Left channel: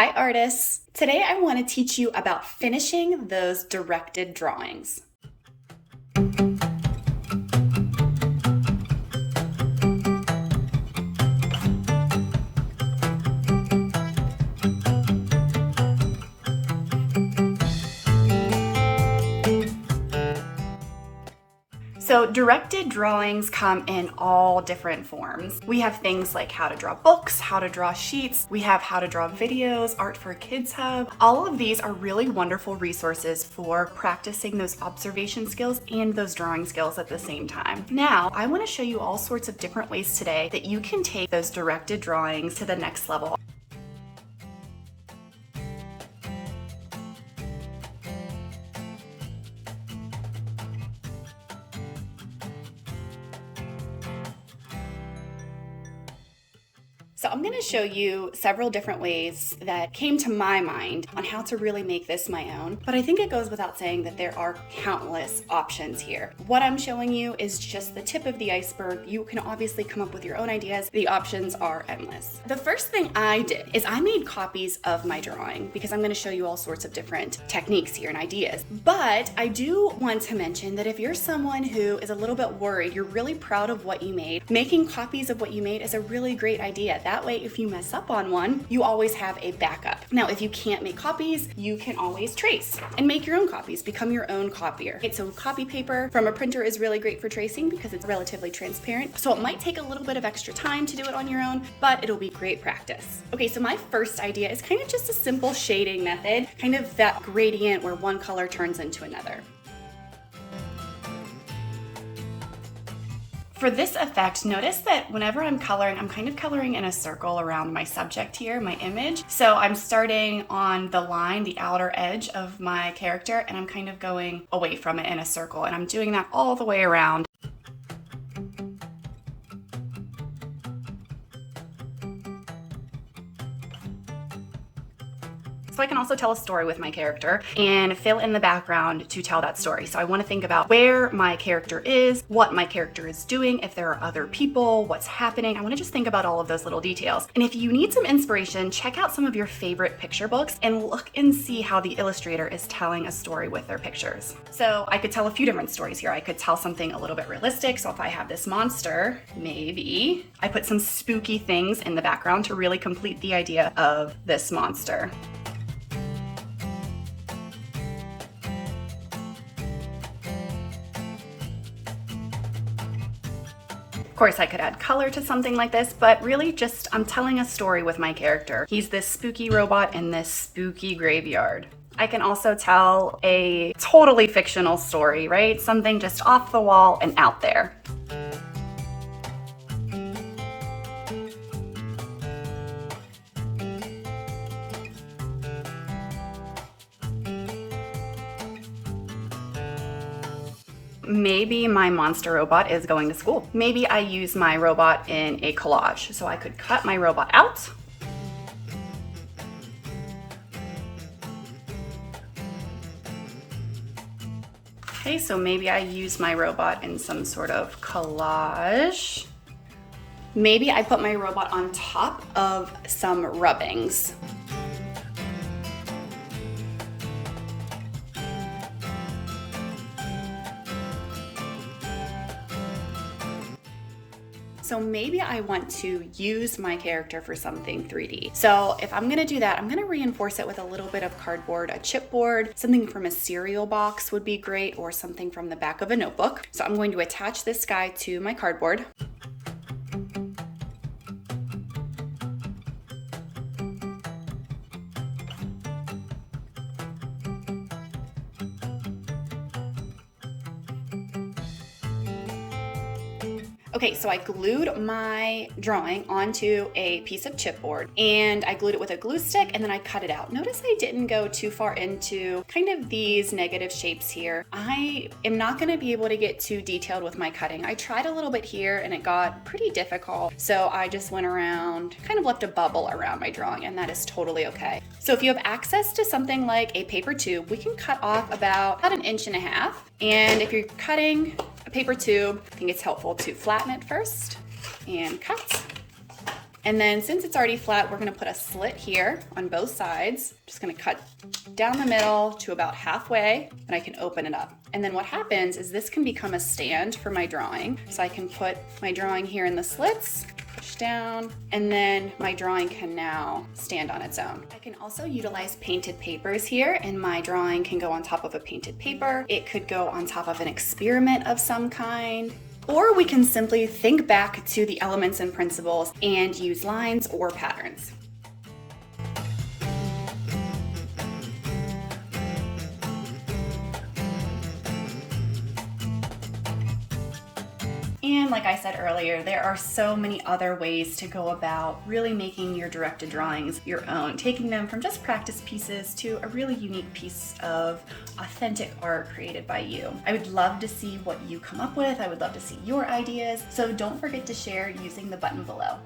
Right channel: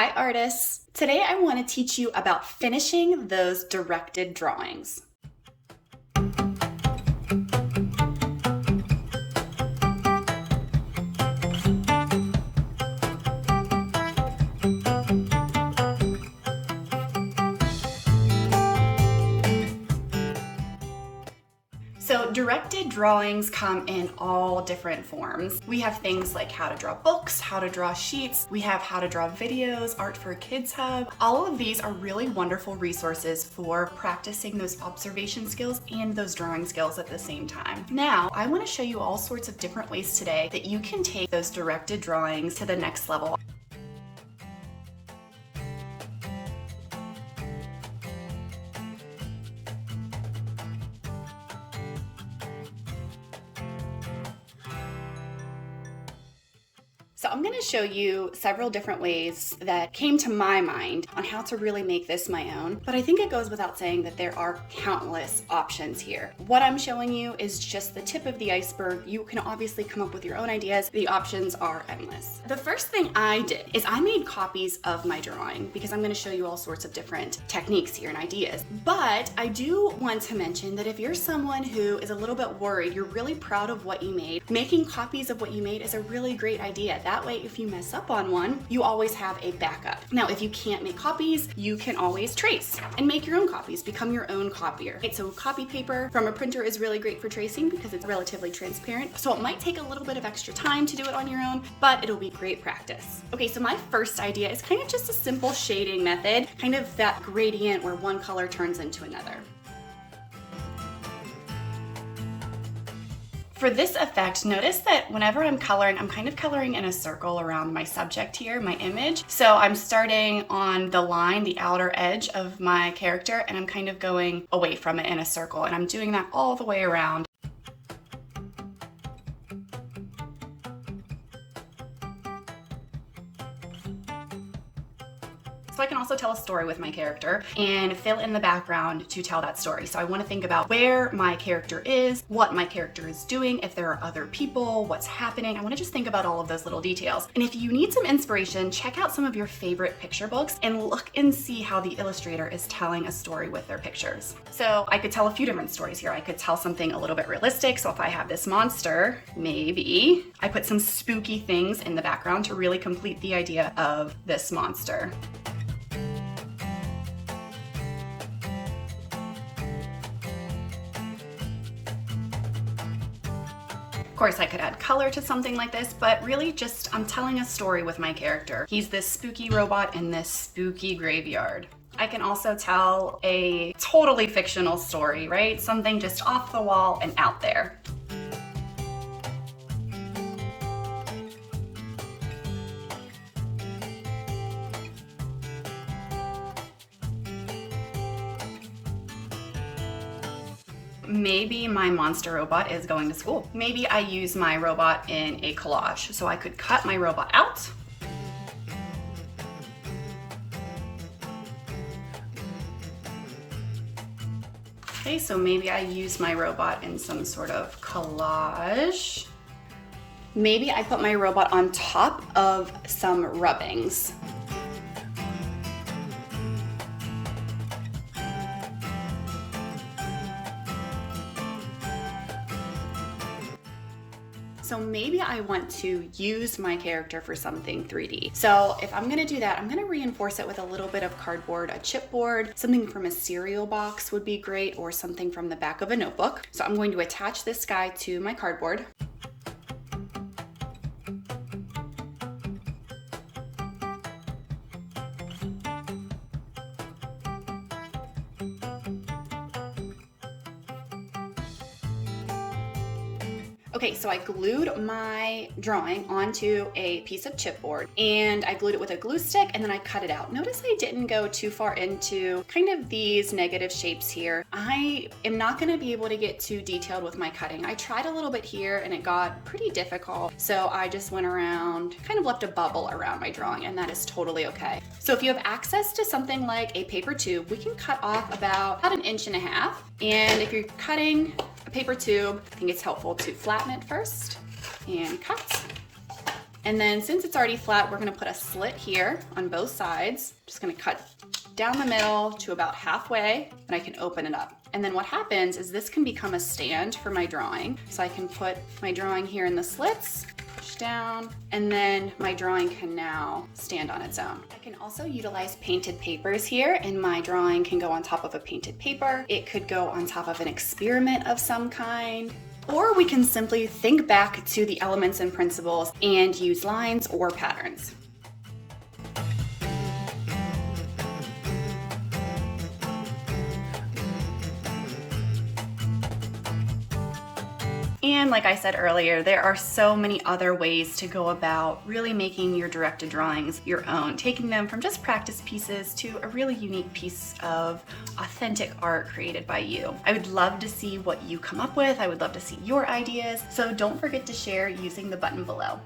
Hi artists! Today I want to teach you about finishing those directed drawings. So directed drawings come in all different forms. We have things like how to draw books, how to draw sheets, we have how to draw videos, Art for Kids Hub. All of these are really wonderful resources for practicing those observation skills and those drawing skills at the same time. Now, I want to show you all sorts of different ways today that you can take those directed drawings to the next level. So I'm going to show you several different ways that came to my mind on how to really make this my own. But I think it goes without saying that there are countless options here. What I'm showing you is just the tip of the iceberg. You can obviously come up with your own ideas. The options are endless. The first thing I did is I made copies of my drawing because I'm going to show you all sorts of different techniques here and ideas. But I do want to mention that if you're someone who is a little bit worried, you're really proud of what you made, making copies of what you made is a really great idea. That way, if you mess up on one, you always have a backup. Now, if you can't make copies, you can always trace and make your own copies, become your own copier. Okay, so copy paper from a printer is really great for tracing because it's relatively transparent. So it might take a little bit of extra time to do it on your own, but it'll be great practice. Okay, so my first idea is kind of just a simple shading method, kind of that gradient where one color turns into another. For this effect, notice that whenever I'm coloring, I'm kind of coloring in a circle around my subject here, my image. So I'm starting on the line, the outer edge of my character, and I'm kind of going away from it in a circle, and I'm doing that all the way around. So I can also tell a story with my character and fill in the background to tell that story. So I want to think about where my character is, what my character is doing, if there are other people, what's happening. I want to just think about all of those little details. And if you need some inspiration, check out some of your favorite picture books and look and see how the illustrator is telling a story with their pictures. So I could tell a few different stories here. I could tell something a little bit realistic. So if I have this monster, maybe I put some spooky things in the background to really complete the idea of this monster. Of course, I could add color to something like this, but really just I'm telling a story with my character. He's this spooky robot in this spooky graveyard. I can also tell a totally fictional story, right? Something just off the wall and out there. Maybe my monster robot is going to school. Maybe I use my robot in a collage. So I could cut my robot out. Okay, so maybe I use my robot in some sort of collage. Maybe I put my robot on top of some rubbings. So maybe I want to use my character for something 3D. So if I'm gonna do that, I'm gonna reinforce it with a little bit of cardboard, a chipboard, something from a cereal box would be great, or something from the back of a notebook. So I'm going to attach this guy to my cardboard. Okay, so I glued my drawing onto a piece of chipboard and I glued it with a glue stick and then I cut it out. Notice I didn't go too far into kind of these negative shapes here. I am not gonna be able to get too detailed with my cutting. I tried a little bit here and it got pretty difficult. So I just went around, kind of left a bubble around my drawing, and that is totally okay. So if you have access to something like a paper tube, we can cut off about 1.5 inches. And if you're cutting a paper tube, I think it's helpful to flatten it first and cut. And then since it's already flat, we're gonna put a slit here on both sides. Just gonna cut down the middle to about halfway, and I can open it up. And then what happens is this can become a stand for my drawing. So I can put my drawing here in the slits, push down, and then my drawing can now stand on its own. I can also utilize painted papers here, and my drawing can go on top of a painted paper. It could go on top of an experiment of some kind. Or we can simply think back to the elements and principles and use lines or patterns. And like I said earlier, there are so many other ways to go about really making your directed drawings your own, taking them from just practice pieces to a really unique piece of authentic art created by you. I would love to see what you come up with. I would love to see your ideas. So don't forget to share using the button below.